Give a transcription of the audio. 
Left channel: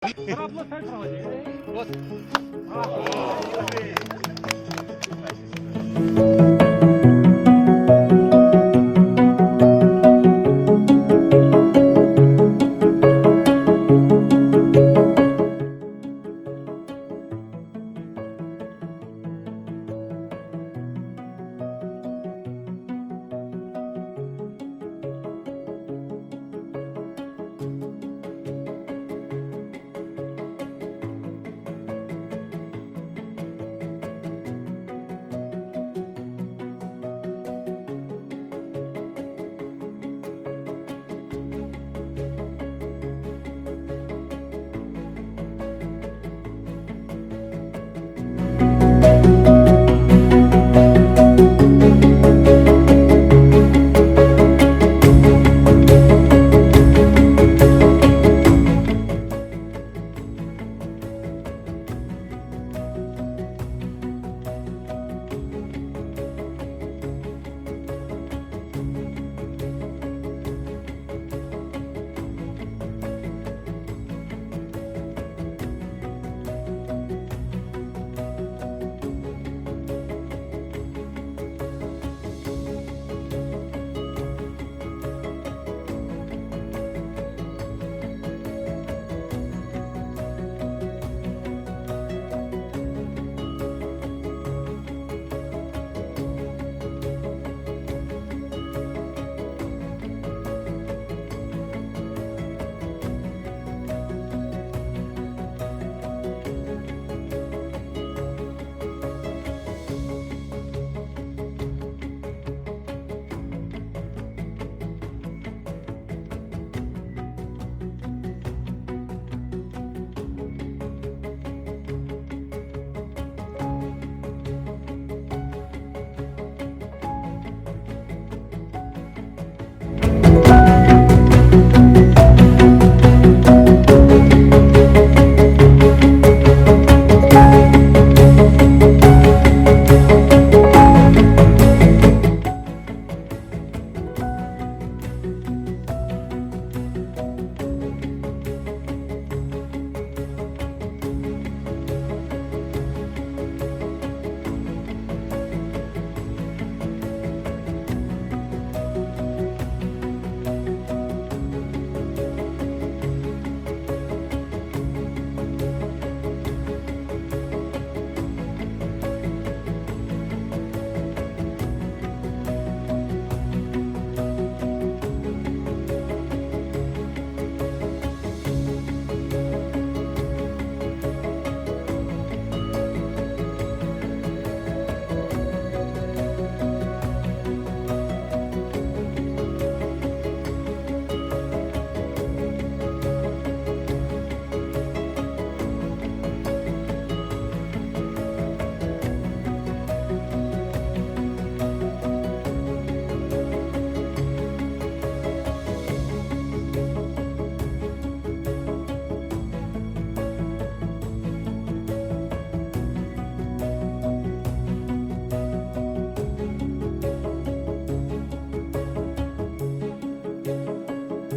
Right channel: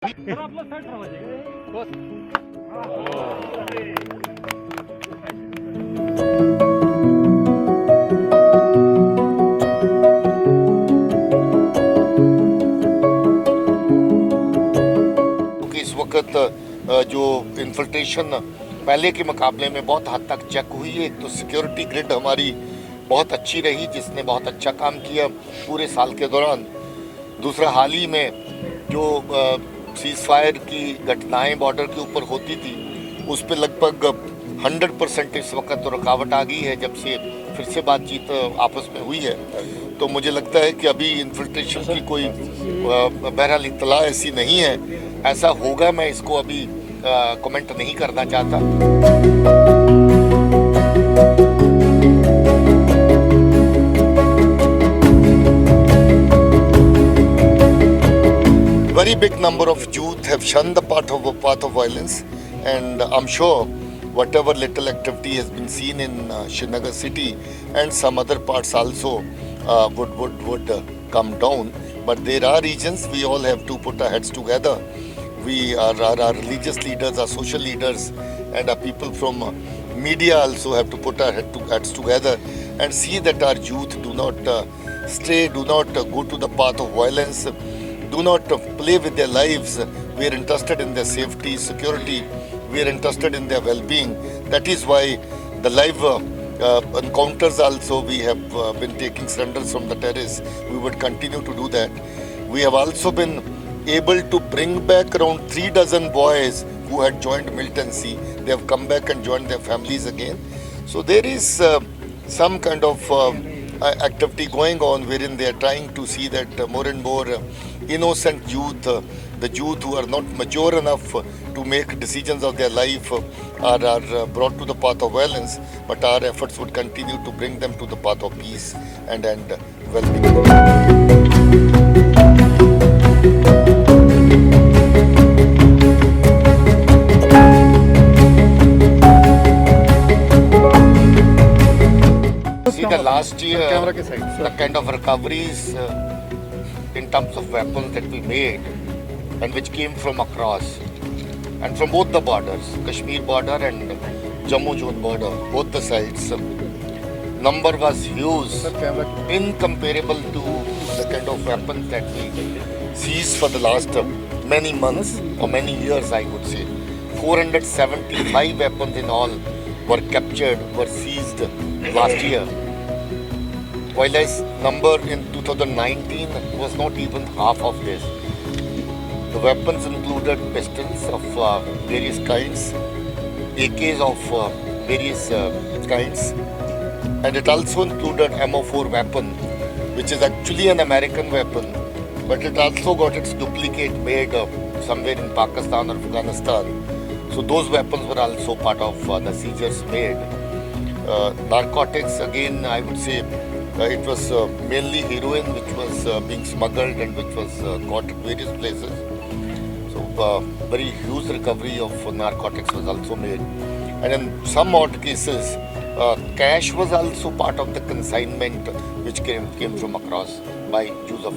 इस वक्त जो इन्फिल्ट्रेशन पहले के मुकाबले में बहुत हद तक चेक हुई है। एक तो सिक्योरिटी ग्रिड हमारी बहुत अच्छी रही, जिसने बहुत अच्छा काम किया पूरे साल के दौरान। दूसरा, हाल ही में जो सीज फायर की घटनाएं बॉर्डर के ऊपर होती थी, उस पर लगभग 100% इस वक्त तो रुकावट आ गई है जब से फिर से बातचीत आपस में हुई है। तो मुझे लगता है कि अभी इन्फिल्ट्रेशन की कोई बहरहाल इत्तला ऐसी नहीं है। ऐसा होगा, मैं इसको अभी कमेंट नहीं करना चाहता। Very big number of youth have shunned the path of violence, and I'm sure whatever little activity has been seen in Srinagar city and some other parts also would come down. But there are regions we all have to put our heads together. We are our religious leaders, our social leaders, and our people from media also have to put our heads together and see that our youth do not stray, do not go to the path of violence, do not play with their lives. We are interested in their safety, security. We are interested in their well-being. That is why the live encounters also, we have been taking surrenders from the terrace. We would continue to do that. We have also been able to bring back around 3 dozen boys who had joined militancy. They have come back and joined their families again. So there is some kind of activity going on wherein they are trying to see that more and more innocent youth, the youth who are not mature enough to make decisions of their life, are brought to the path of violence. But our efforts would continue to bring them to the path of peace and well-being. Last year, the kind of recoveries in terms of weapons that we made and which came from across and from both the borders, Kashmir border and Jammu zone border, both the sides, number was huge, incomparable to the kind of weapons that we seized for the last many months or many years, I would say. 475 weapons in all were captured, were seized last year. While this number in 2019 was not even half of this. The weapons included pistols of various kinds, AKs of various kinds, and it also included MO4 weapon, which is actually an American weapon, but it also got its duplicate made somewhere in Pakistan or Afghanistan. So those weapons were also part of the seizures made. Narcotics, again, I would say it was mainly heroin which was being smuggled and which was caught at various places. So very huge recovery of narcotics was also made. And in some odd cases, cash was also part of the consignment which came from across by use of